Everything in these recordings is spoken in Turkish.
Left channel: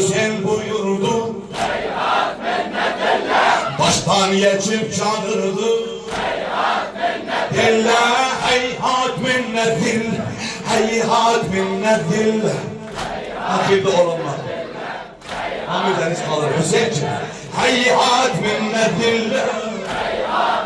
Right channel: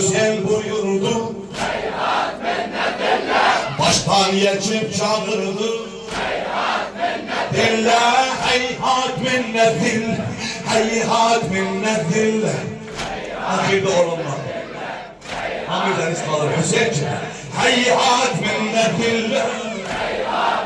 Hüseyin buyurdu. Heyhat minnetullah. Baştan geçip çağırdı. Heyhat minnetullah. Dille heyhat minnetillah. Heyhat minnetillah. Ahirde olunma. Hamid Deniz kalır Hüseyin'ciğim. Heyhat minnetillah.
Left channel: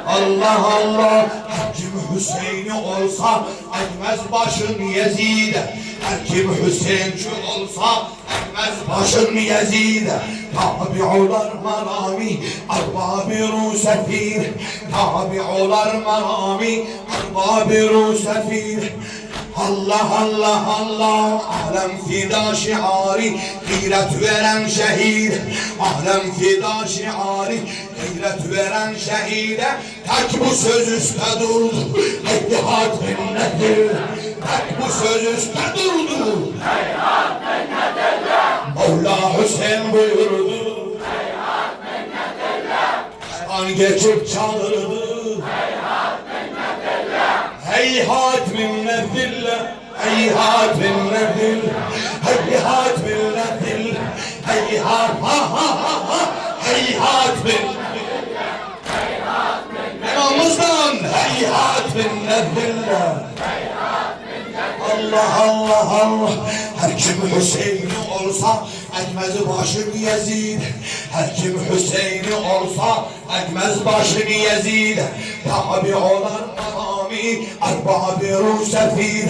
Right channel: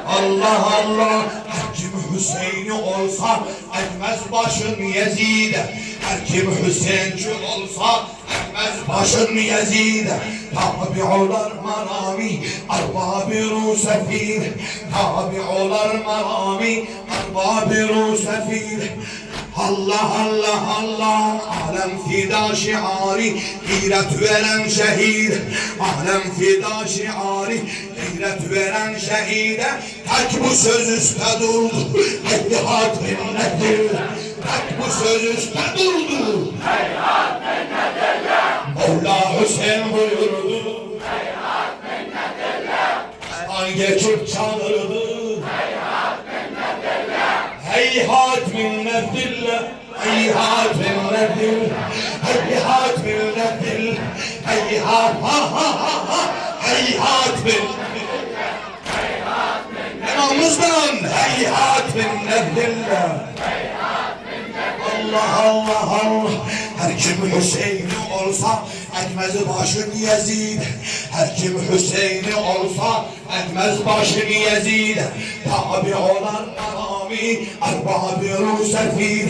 Allah Allah. Her kim Hüseyin'i olsa ekmez başın Yezid'e. Her kim Hüseyinci olsa ekmez başın Yezid'e. Tabi'ular marami arbab-ı sefir. Tabi'ular marami arbab-ı sefir. Allah Allah Allah, alem fida şiari, gayret veren şehir. Alem fida şiari, gayret veren şehide. Tek bu söz üstte durdu, heyhat minnetullah. Tek bu söz üstte durdu, Heyhat minnetullah. Mevla Hüseyin buyurdu. Heyhat minnetullah. An geçip çağırdı. Heyhat minnetullah. Heyhat minnetullah. Heyhat minnetullah. Heyhat ha ha ha ha. Heyhat minnetullah. İmamımızdan heyhat minnetullah. Allah Allah Allah. Her kim Hüseyin'i olsa ekmez başın Yezid. Her kim Hüseyin'i olsa ekmez başın Yezid. Tabi olan marami arbab-ı sefir.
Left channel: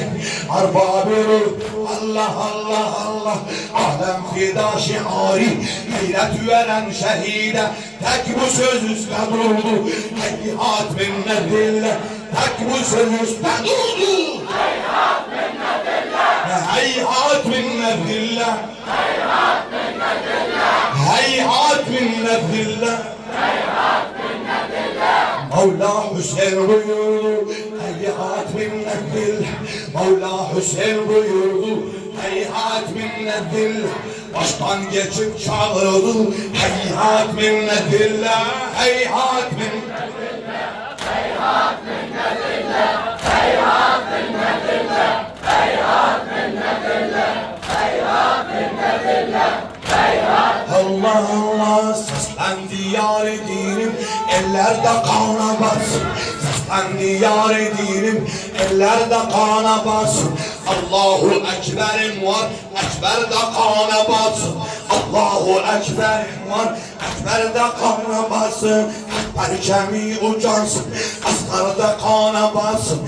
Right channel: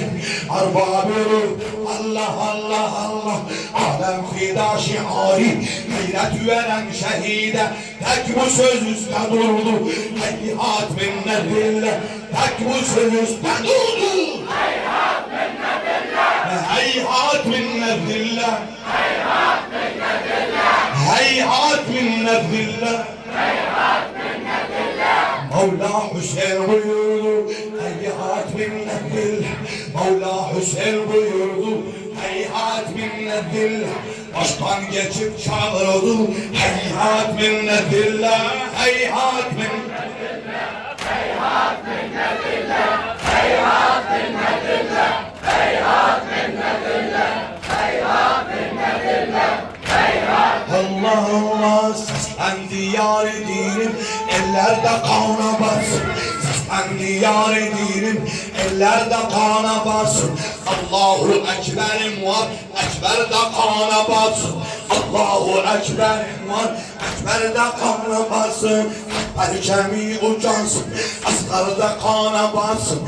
Arbab-ı Allah Allah Allah. Alem fida şiari gayret veren şehide. Tek bu söz üstte durdu, heyhat minnetullah. Tek bu söz üstte durdu, Heyhat minnetullah. heyhat minnetullah. Heyhat minnetullah. Heyhat minnetullah. Heyhat minnetullah. Mevla Hüseyin buyurdu. Heyhat minnetullah. Mevla Hüseyin buyurdu. Heyhat minnetullah. Baştan geçip çağırdı. Heyhat minnetullah. Heyhat minnetullah. Heyhat minnetullah. Heyhat minnetullah. Heyhat minnetullah. Heyhat minnetullah. Heyhat. Allah Allah, seslendi yar dinim, ellerde kana batsın. Seslendi yar dinim, ellerde kana batsın. Allahu Ekberim var, Ekber'de kana batsın. Allahu Ekberim var, Ekber'de kana batsın. Perçemi ucansın, asgarda kana batsın.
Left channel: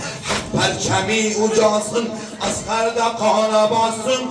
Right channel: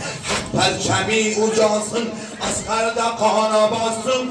Perçemi ucansın, asgarda kana batsın.